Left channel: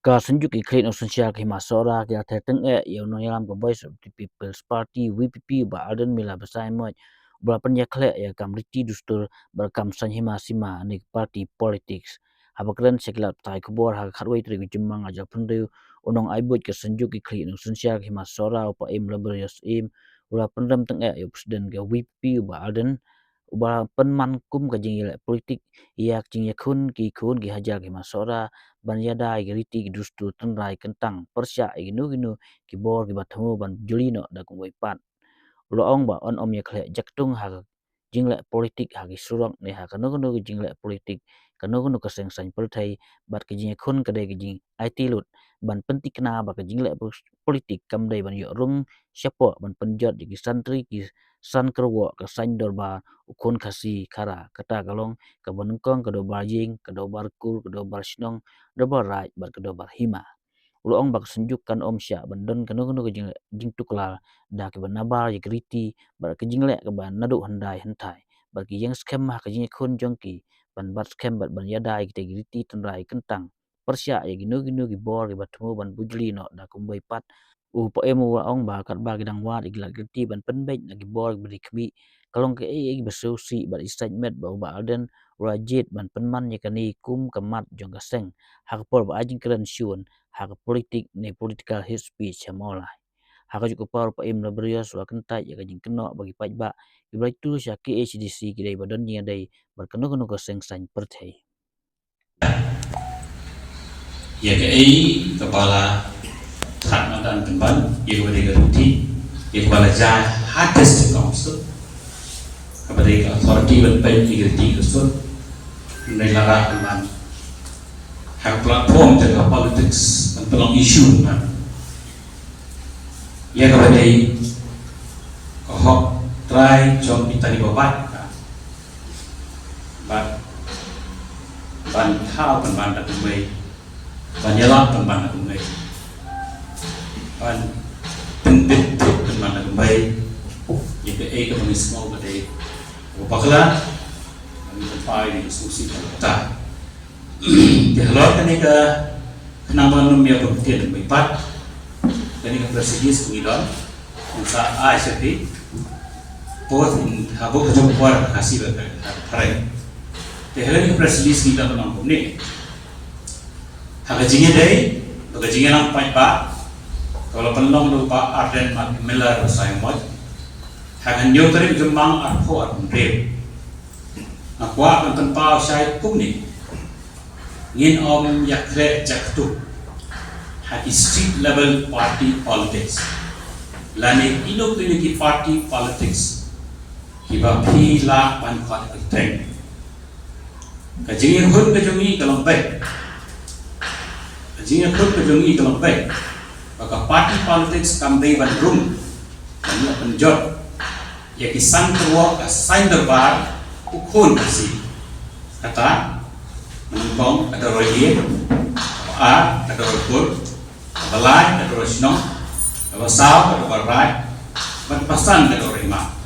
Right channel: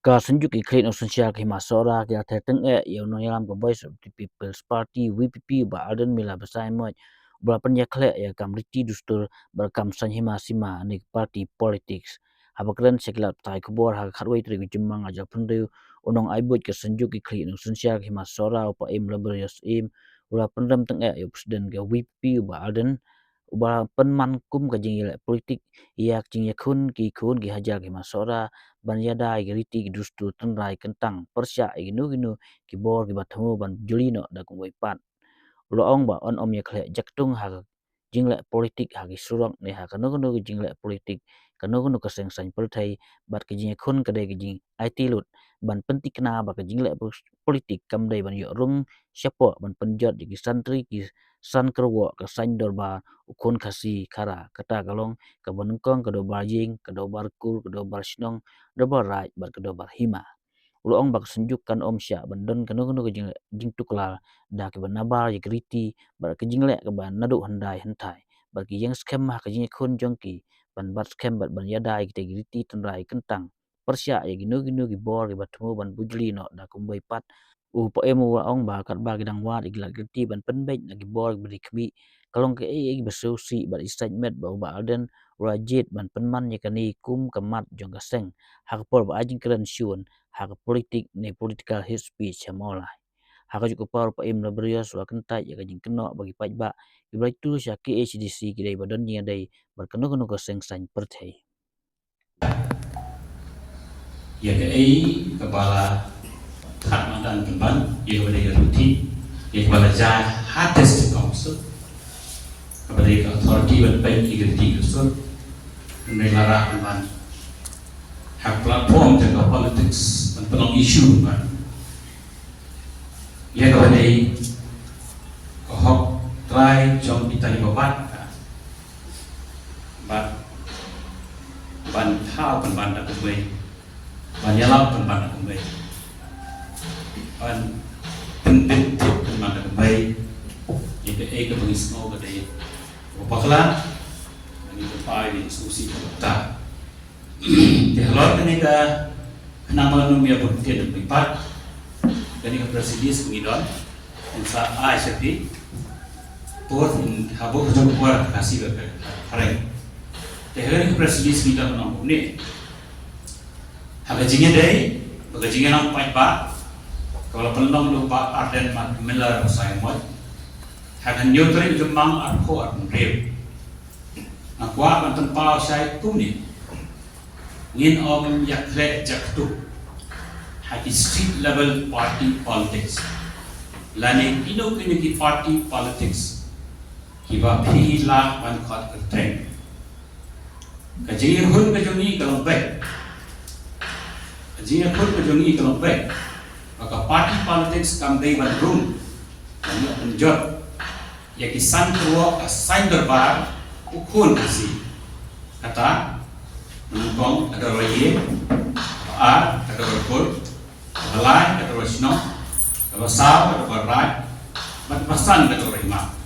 Ka sanjuk ki kret no sunsia ki masora ki atheteng yo no yalam ko Voice of the People's Party VPP ba alden mila basai mo ba penya khle ya kamriti dustur ba kam sanhima sima ni party politics habakran sekla tai kubor ha kharwai tri jumang aja pundu unong aibut ke sanjuk ki kret no sunsia ki masora pa im laborious im ura pendam teng yo presiden ke VPP ba alden uba penman kum ka jing politik yak jing yakun ki kun ki hajar ki masora ban yada ki riti ki dustu tengrai kentang persya ki nu ki bor ki bathamu ban julino da ku pat lo ong ba on om yakhle jaktung ha jingle politik ha ki surok ne ha kanu kanu ki jingle politik kanu ka seng san perthai bat ki jing khun ka de ki jing it lut ban pentik na ba ka jingle politik kam dai ban yo rung syapo ban penjot ki santri ki san kerwo ka san dorba ukun kasi kara kata kalong ka banungkong ka do barjing ka do barkur ka do barshnong do barai bar ka do barhima ulo ong bak senjuk kan om sya bandon kanu ka jing tukla da ke banabar ye kriti bar ke jingle ke ban nadu handai hentai bar ki yang scam ha ka jing khun jongki ban bat scam bat ban yadai ki kriti tendrai kentang persya ye ginu ki bor ki batmu ban bujli no da kumbai pat po emu wa ong ba kat ba gidang wa igla kriti ban penbej lagi bor beri kmi kalong ke besusi bar istajmet ba alden rajit ban penman ye kani kum kamat jong kaseng hak por ba ajing kran syun hak politik ne political hate speech molai hak juga par pa im labrios wa kentai ya kajing keno bagi pajba ibai tu syaki HDC kidai badan nya dai berkeno ko seng san perthai ya ke kepala Kalimantan Timban yang kepada Ruti yang kepala Jah Hardest Council kepada authority berpen integrity kusur menelara dengan hak platform jaga politics tentang isu ya kepada kohok try jom kita di babat ban thao ban tak kumai ban yelap ban tak kumai ban pendek ban tak kumai itu ke pengismau pada bakla ini pai diskusi kita di halot ini ke kenapa nomia berpikir berempat dan ini presiden sembilan usaha ICT both in habuk kejumpaan kasih hari di halot presiden sembilan orang ini hagajinya day hagajinya lampai pak kalau penolong lupa arden melar sayang hagan nyotri jumang arko armrem akwa antan pau syai kumni ngin om yakre jaktu hati street level party politics lani ino community party politics kiba phila man khat kten kajing hun ke jongi kalong baik kajing hun ke jongi kalong baik maka party politics kam dei ban room kam penjot ya kisan kerwa ka sain derbar ukun si kata mengkong ada roye ada rokul balai ada rosno ada sab ada barai berpasan ada rima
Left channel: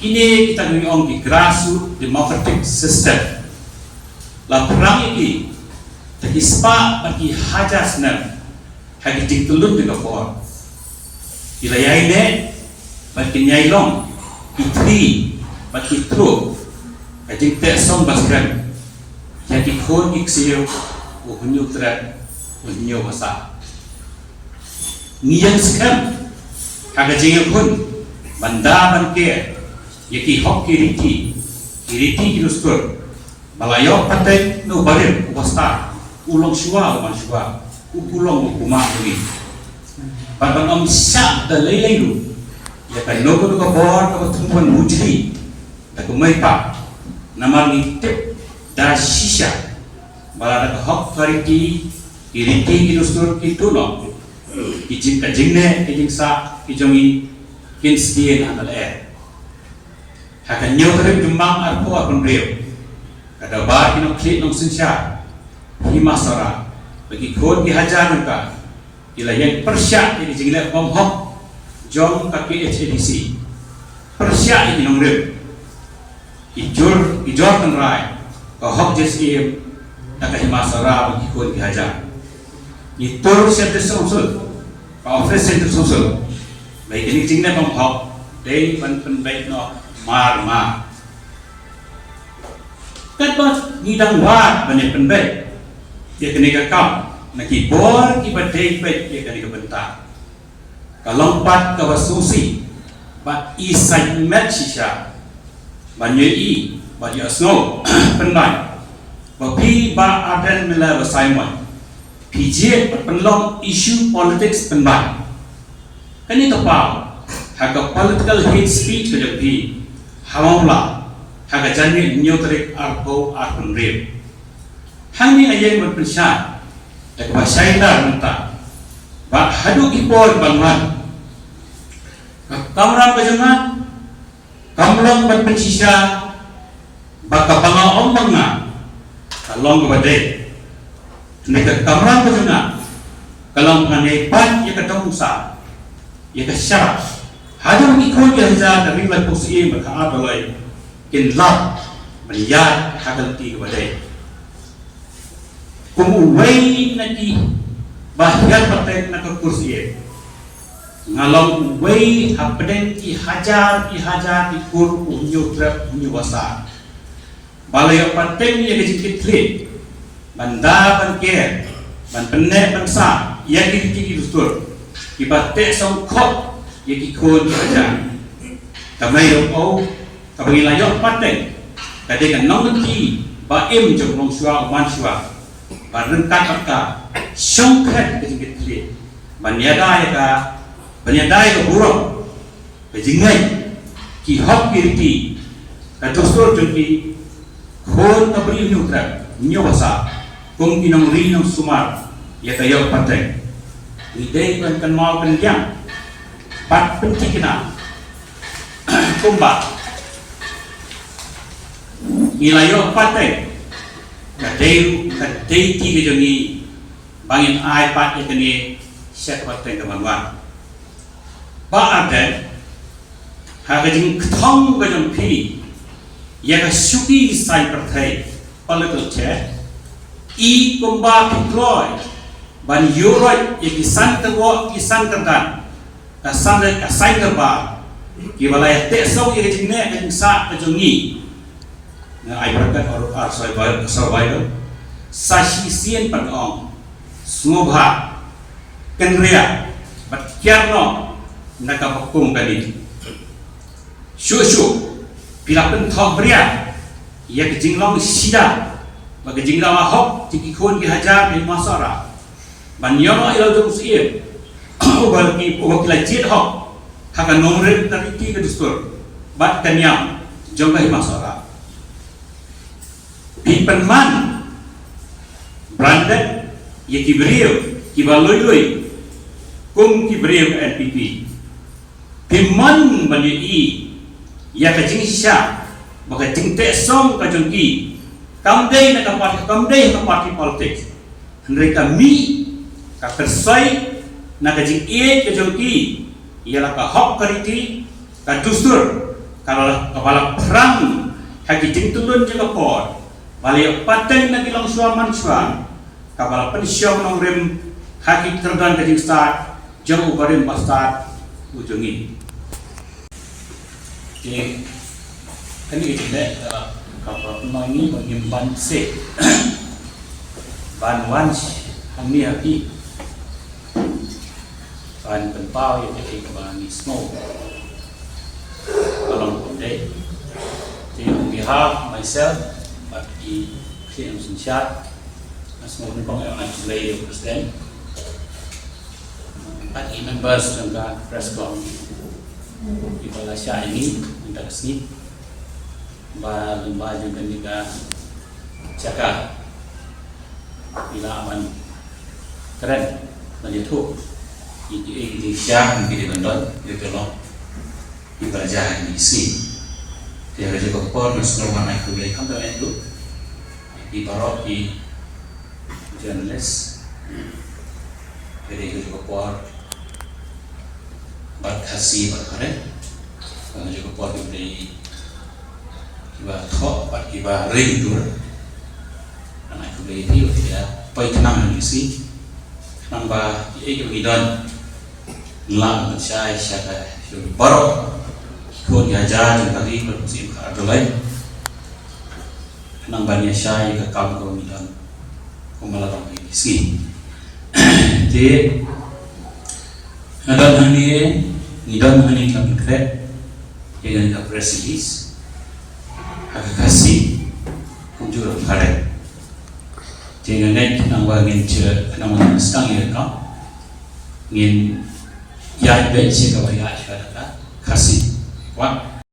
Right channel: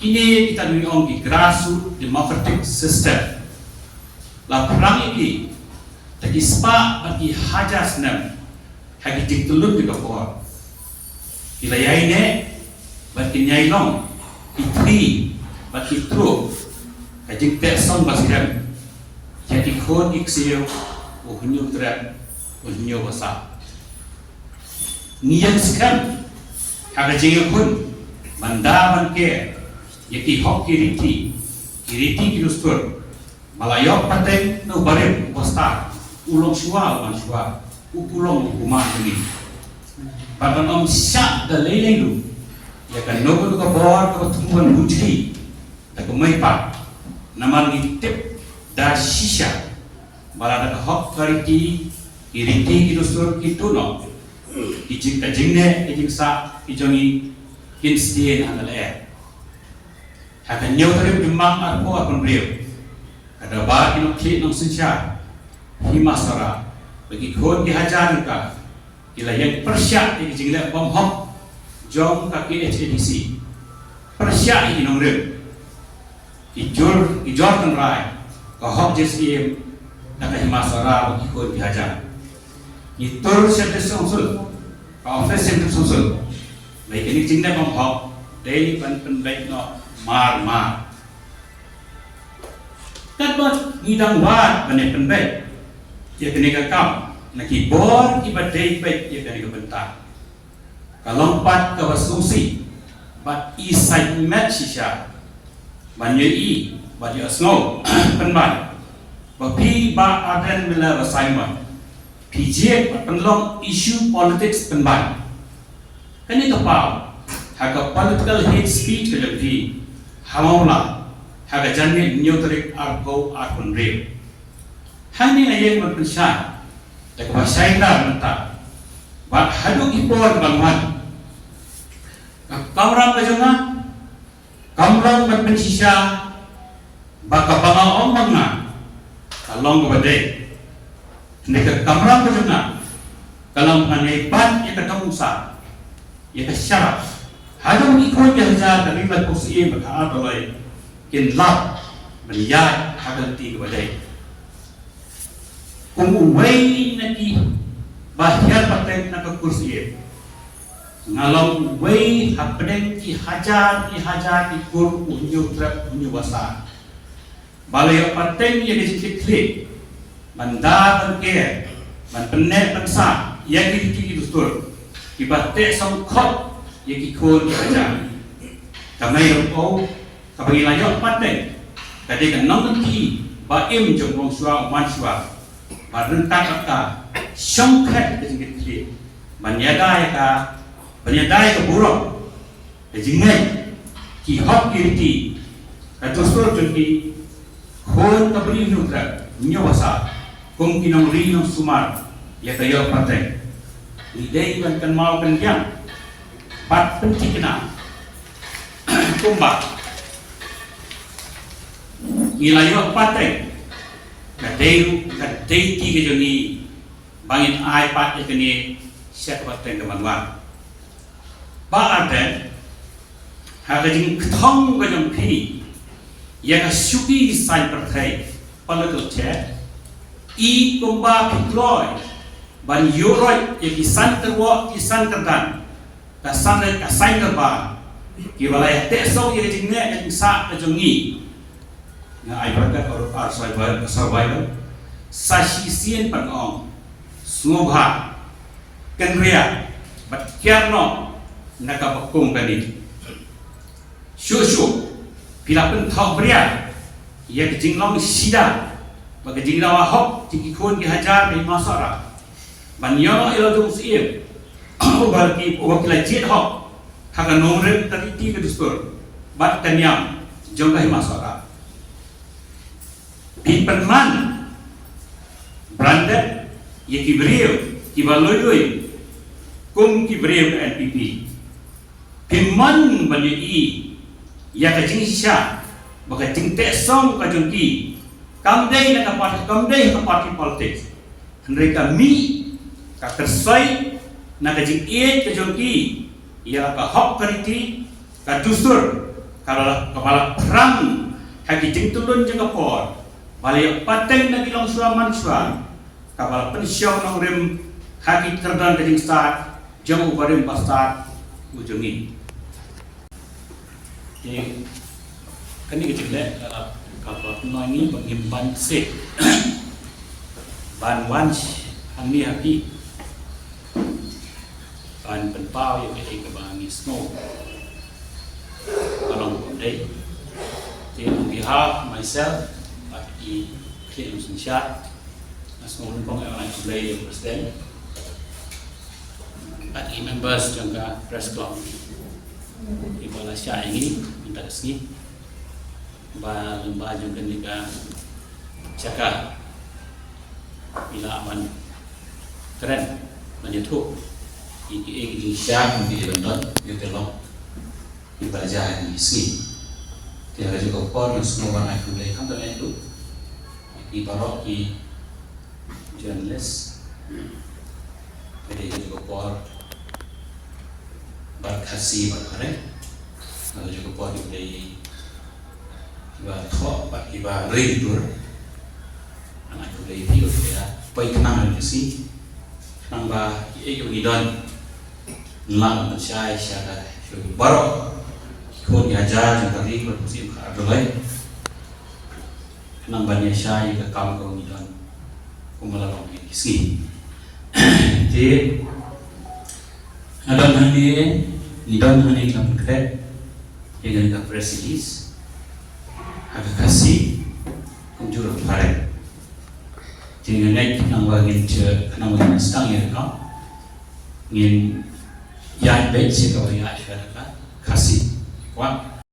ini kita ngomong di grassroots democratic system la perang ini tegispa bagi hajar senar hagi diktulun di kapor wilayah ini bagi nyailong itri bagi tru kajing tersong baskan jadi khon iksio uhunyo tret uhunyo basa ngiyang sekan kajing khon banda banke yaki hok kiriti kinustur malayo pateng no barim basta ulong shua man shua ukulong ukuma ini badan om syak da lelai lu ya kan no ko bor ko tumban mujri aku mai pa namar ni tip da shisha bala da hok kariti iriti kinustur itu no kijing kajingne kijing sa kijongi kinstien handal akan nyotrem jumang arpo akun rio kada ba kinong klit nong sinsya himasara bagi khon dihajar ka ila yang persya ini jingle bom hok jong kaki HDC persya ini nong rio ijor kan rai ka hok JSM taka himasara bagi khon dihajar Itu center songsul, office center songsul. Baik ini jingna bang hok, day pen baik no mar. Kan bos ngidang wat banyak pen baik, dia kena kakam, nak kibor kibat day baik dia kena kebentar. Kalau empat kawasusi, bat isai met sisa, banyak banyak snow pen baik. Bapi ba adan mila Simon, PJ penlong isu politics penbai. Kani tapau, haga political hate speech kelebi, hawala, haga jani neutrik arko arkun real. Hani ayang berpensyar, dak basyainar mentah, ba hadu ipor bangunan. Kamran bajangan, kamlang berpensisa, baka bangang ombanga. Kalong kepada mereka kamera berjuna kalau mengenai ban ia ketemu sah ia kesyarat ada mengikut yang zat dari lagu posisi mereka adalah kinlap melihat hagalti kepada kumuway naki bahaya patek nak kursi ngalong way hapden ki hajar ikur unyu trap unyu wasa balai paten yang dijikit klik, banda bangkir, ban penek bangsa, yang dijikit dustur, ibatek songkok, yang ikut aja. Kami yang kami layak paten, kadang nong nanti, baim jom long shua uman shua, barengkat apa, songkat dijikit klik, banyadai ka buruk, kejingai, ki hok kirti, kadustur jengki. Khon tabri nyutra nyawasa kung kinang rinang sumar ya kayo pateng idei man kan mau kan yang pat pentikna kumba nilayo pateng ya dei ti ke jongi bangin ai pat ke ni set pateng ke bangwa ba ade ha ke jing thong ke jong pi yang suki sai perthai political chat kumba pikloy ban yoroi yang kisan terdan ka sai terba ki balaya teso yang jingne kan sa kajungi na ai berkat or survival sashi sien panong smobha kenria bat kierno nakapakung kani shu bila penthok beria, ia kejinglong sida, bagi jinglawa hok, jikikun kihajar di masara, banyono ilau jom siir, bagi wakila jid hok, haka nomren tariki kedustur, bat kenyam, jom kahi masara. Pipenman, brandet, ia kibriu, kibalului, kum kibriu NPP. Piman bani ia kajing sya baka tingte som kajungki kamdei na parti politik mereka mi ka kersai na kajing kajungki ia ka hok kariti ka dustur kalau kepala perang haki jing tulun jaga por bali pateng na gilang suaman suam kepala pensiong nong rem haki terdan kajing start jauh barim bastard ujungi. Jadi, ini kita kapal penuh ini menyimpan sek ban hanya hati ban pentau yang kita bangi snow kalau kondek. Jadi, on behalf myself, bagi Clean Sunshine, semua orang yang akan play the president, bagi members juga press club. Di Malaysia ini minta sini lembaga yang juga cakap bila aman keren lanjut tu iki siap mungkin dibentuk itu loh ibadah di sini dia juga pun semua naik ke belakang tu itu di barok di jurnalis jadi juga pun berkasih berkaren, juga buat dibeli kibar thok, buat kibar rindur, anak dibeli itu ya, pergi kenang di sini, namba ikut idon ngelam saya baru ikut diajar jengkari bermusim adolai nambahnya saya ke kaum idon kumalah lagi ski jadi adon hani kelab kret yang ada press release agak kasih kumjur parek jadi nggak nambah ngin sedang ya ngin ya baik sih kalau ya